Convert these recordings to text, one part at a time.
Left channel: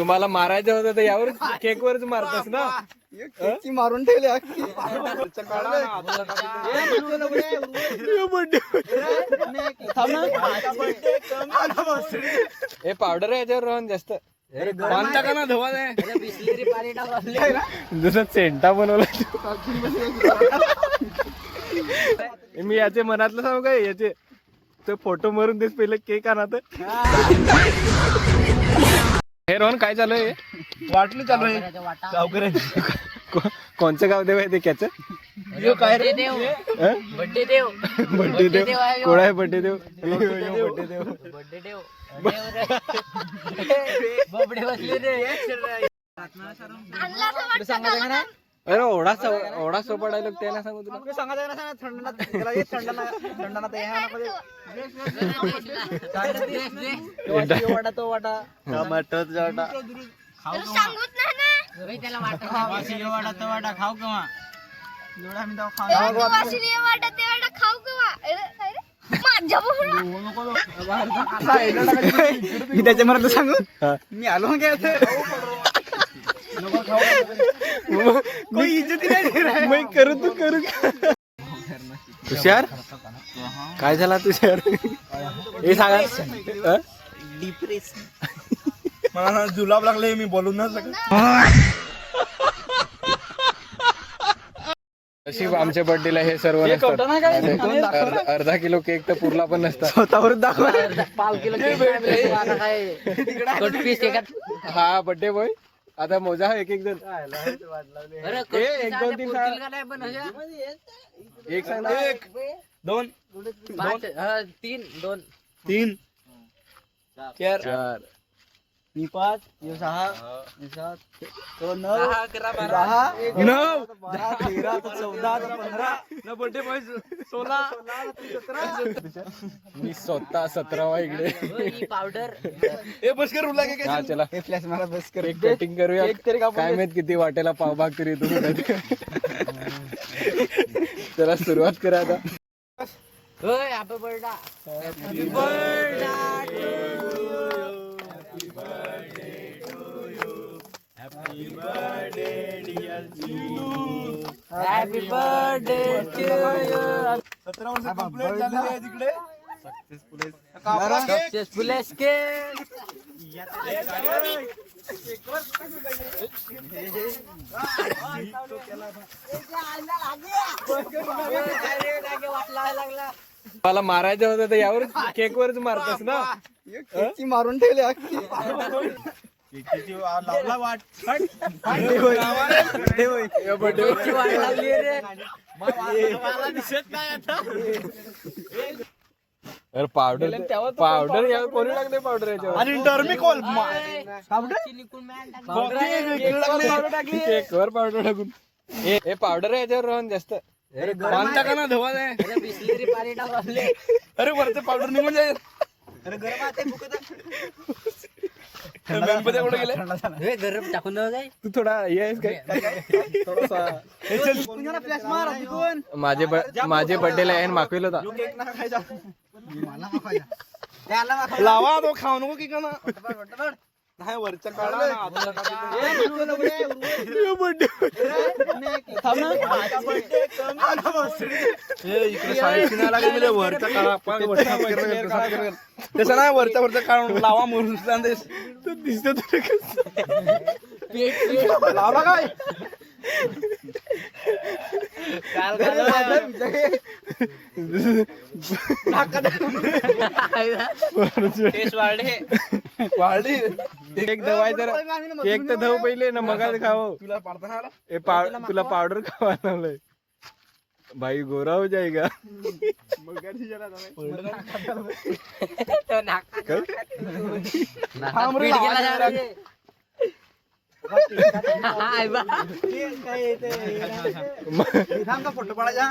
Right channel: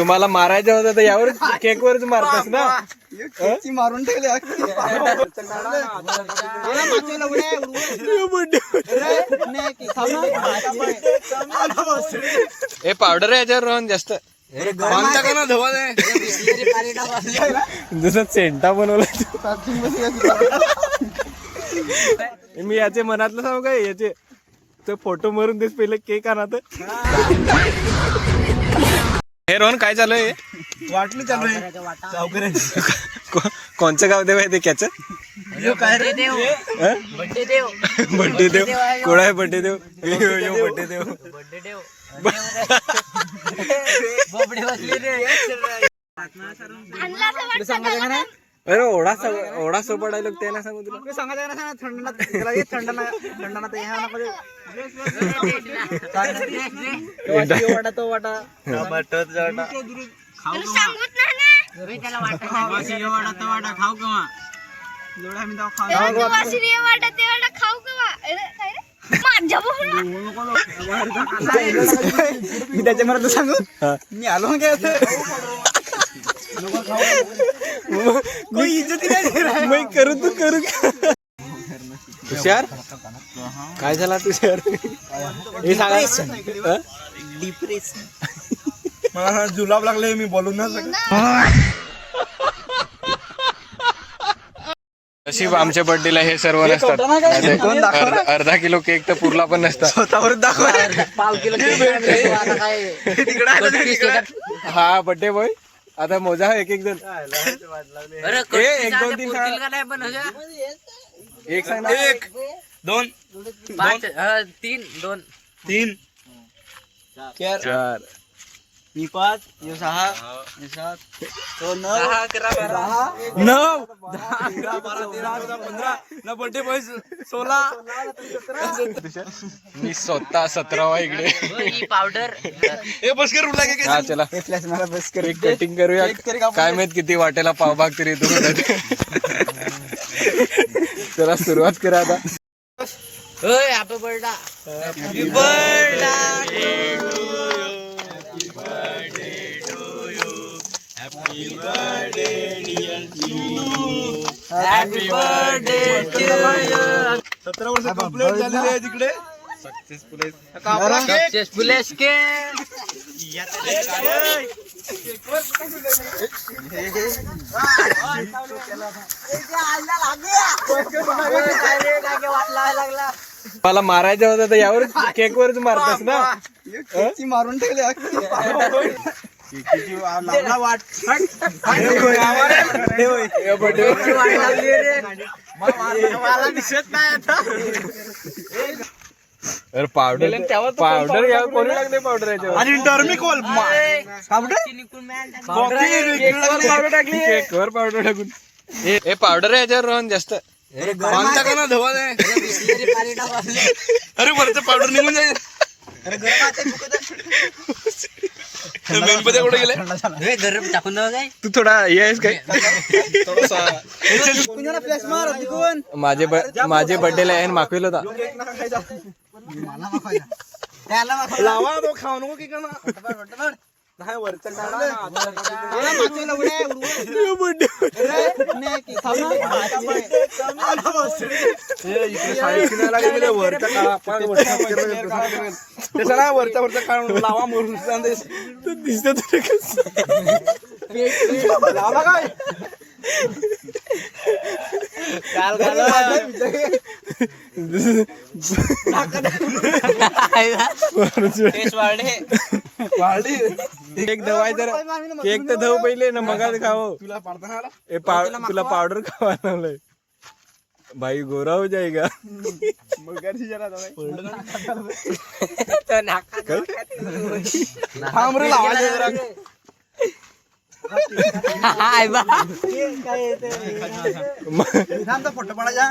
तुम्हाला मारायचं होतं तर यावर केक वरच मारतास ना. मारून ठेवले हे पावडर आहे याच्यावर रोहन जास्त जसं सेंटा बनवला. मी याचे मनातलं सांगू काय याचे तर फोटो मारून देस पहिले केक आणा तर. हे रोहन काय चालू आहे? वाटणी चालू आहे गावकऱ्यांची. कोणचं गाव देव आहे ते त्याचं? बड्डे देव बड्डे देव कोण आहे? बड्डे देव बड्डे देव अरे ओढा सोपा डायलॉग ते ना सांगू तुला. मी त्याच्यामध्ये सांगू मी आलो काय कोई इज्जत नाही. मी करू तू करू तुषार काय झाला तुषार? हे सांगा. डिप्रेशन मला जुलाब लागले मी बोलून ना सगळं. नशीब आमच्या बर्थडेला हे सर्व नसतात. अर्धा किलो केक तर पुरला पण नसता. स्वतःवर दाखवा. हा बर्थडे बॉय आता मोजा एक एक जण. एक दोन तीन एक सांग. एक दोन तीन दोन तीन चार मी 5 ये 6 ये 7 तो 9 9 10 बर्थडे बॉय 16 मी स्वतः 17वा इकडे. पावडर ए बस कर उठला काय. हा चला फ्लॅश मला बस कर. एक कटिंग करूया. काय माहित किती वाटेला पावभाग तरी येतो. चला सुरुवात करा आता. Happy birthday to you. 17 वर्ष कंप्लीट झालेली आहे तिकडे. सक्सेसफुल मला मारायचं होतं तर यावर केक वरच मारतास ना. मारून ठेवले वाट दिसत नाही आता. अरे पावडर यावर कोणी लागले पावडर याच्यावर? आणि टर्मिकॉल पावडर टाकली केक वर पावडर टाकून. हे पावडर आहे याच्यावर रोहन जास्त. बांधता का ना धवा नाही. अरे वरचं पावडर निघून जाईल. गणपती कुठे गेले? गरम टाकून काय तू थोडा हे आहेस काय? फ्लॅश मार तिकून. माझे बर्थडेला यायन मागविल होता. लावा तो खाऊ नको की का ना. नाही वरचं त्याच्या नाही वरचा वरचा काढून लावा म्हणून दिसत लावा काय केक दवाय जर केक तर धव पहिले ना मग खाओ. तुला पाडता तुला पावडर खावा लावलंय भाई गोरा हो जाएगा. फोटो पडायचा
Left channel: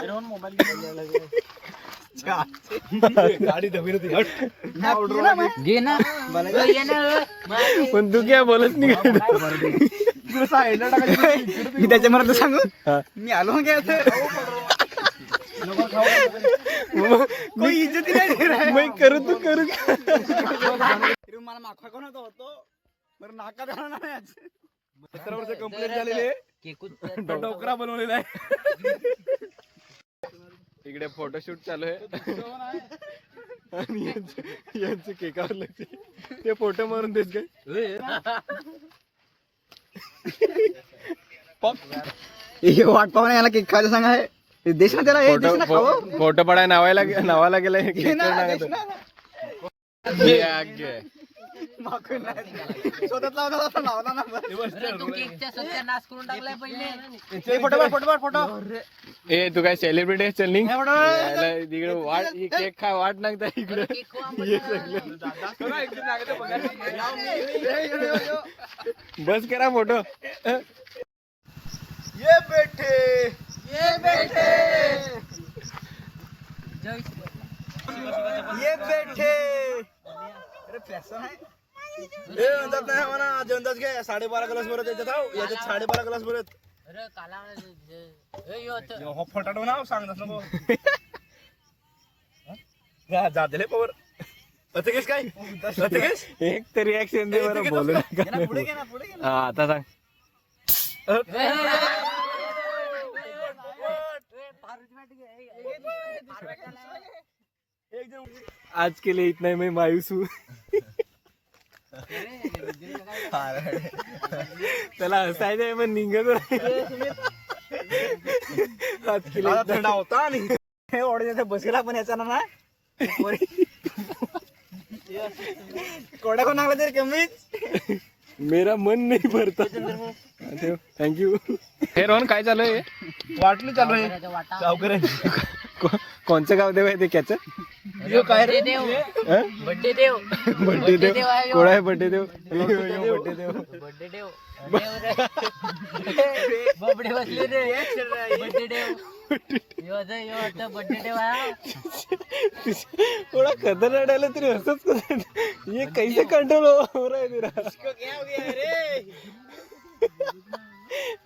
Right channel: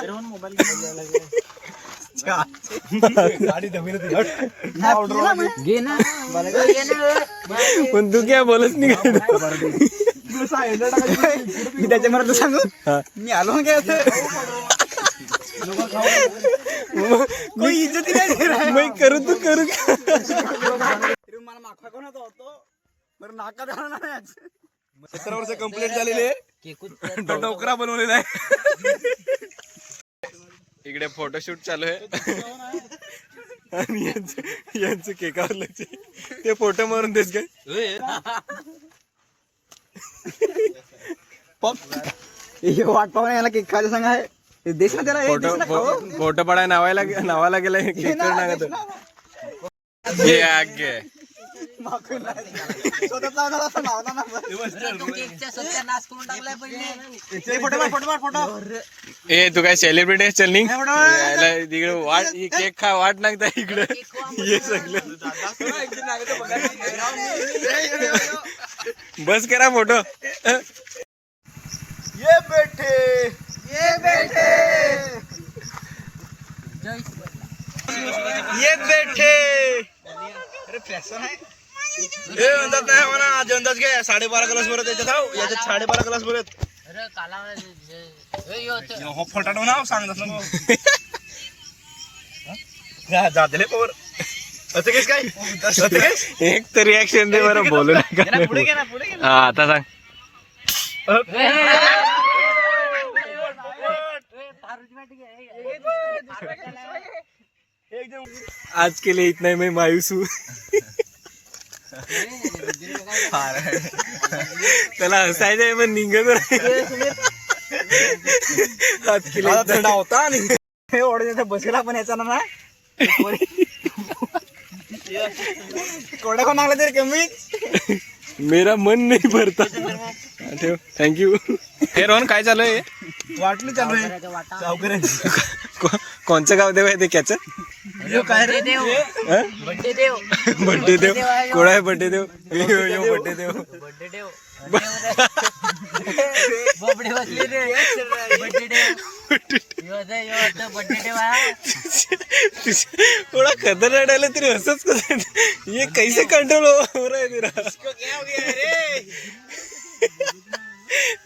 पण तू काय बोलत नाही काय? मी त्याच्यामध्ये तू सांगू मी आलो काय कोई इज्जत नाही. मी करू तू करू. मला मागवा कोण होतो बरं नाका झाला नाही आज. 17 वर्ष कंप्लीट झालेले डोकरा बनवलेला आहे. इकडे फोटोशूट चालू आहे आणि यांचं केकावर लक्ष. ते फोटो मारून देस काय हे वाट पाहून याला केक खायला सांगा आहे. देश ना त्याला, हे देश ना खाऊ. फोटो पडाय नावाला गेलाय केक नागत हे आगे मागून नाही. स्वतःच लावला असं लावला ना बरं. केकच्या सत्यानाश करून टाकलाय पहिले. हे फोटो मार, फोटो मार, फोटो. ए तू काय सेलिब्रिटी आहे चल निघ. हे फोटो. इकडे वाट केक खा वाट नागता इकडे ये सगळं बस करा फोटो. ये बेटे, ये बेटे, ये बेटे. अरे फॅशन आहे. हे म्हणतात नाही म्हणा आज अंदाज घे 12.5 ग्लास भरत याच्यात. याच्यात 12.5 ग्लास भरत. अरे काला हो फटाटो ना सांग तसं जातले पवर असं केस काय असं केस. एक तर रिॲक्शन दे बरं बोलू नका. पुढे घे ना, पुढे घे ना. हा आता सांग. आज के लिए इतना ही मैं मायूस हूँ. त्याला हसायचंय पण निघत आज के लिए इतना थंडा होता आणि हे ओढ बसला पण याचा ना कोड्या कोण लागला तरी कमीच. मेरा मन नहीं भरता. ठेव थँक्यू. हे रोहन काय चालू आहे. वाटली चालू आहे सावकारांची. कोणचं गाव देव आहे ते क्याच काय रे बर्थडे देव बड्डे देव कोणा आहे बड्डे देव बड्डे देव बर्थडे देव बबडे बसले रे बर्थडे देव बर्थडे देव थोड़ा खतर रडायला तरी असंच कसं ये कैसे कंट्रोल हो रहा है तेरा.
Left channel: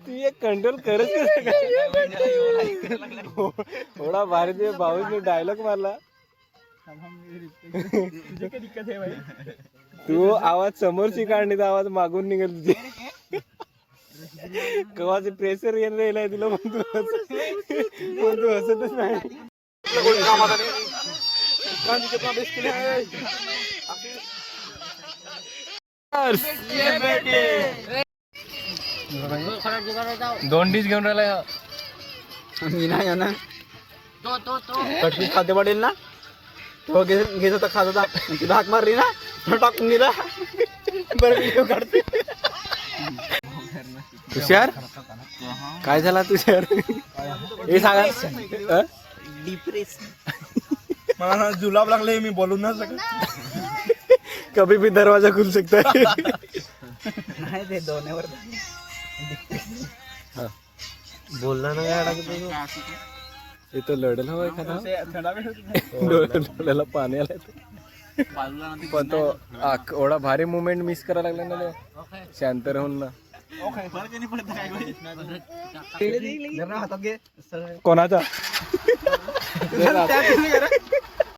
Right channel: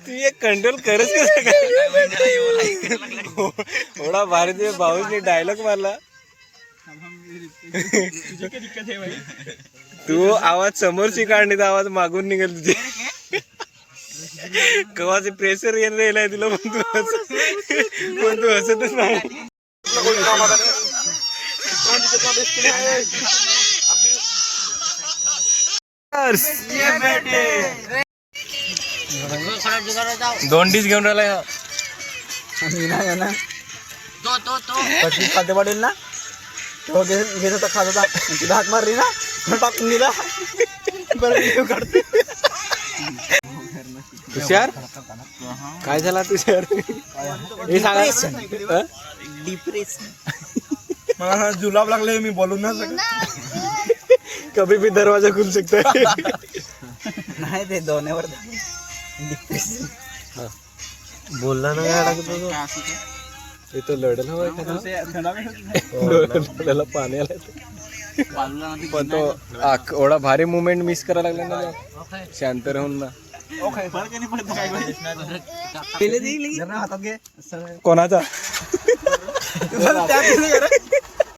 तू ये कंट्रोल करच कसं काय. थोडा भारी ते भाऊने डायलॉग मारला. तू आवाज समोरची काढणी तर आवाज मागून निघेल तुझे. कवाचे प्रेशर येणार तुला पण तू हसतच नाही. दोन डिश घेऊन राहिला मी नाही ना तो कशी खाद्य पडेल ना तो घेत होता खात होता तिला हात मारली ना टाकून दिला. बरं व्हिडिओ काढते. तुषार काय झाला तुषार हे सांगा. डिप्रेशन मला जुलाब लागले मी बोलून ना सगळं. कभी भी दरवाजा खुल सकता है. नाही ते दोन्हीवर बोलला ना काय लागतो ते तो लढेल हवा लढायला पाणी आलं पण तो एवढा भारी मुवमेंट मिस करायला लागला ना शांत राहून ना. हातात घे कोणाचा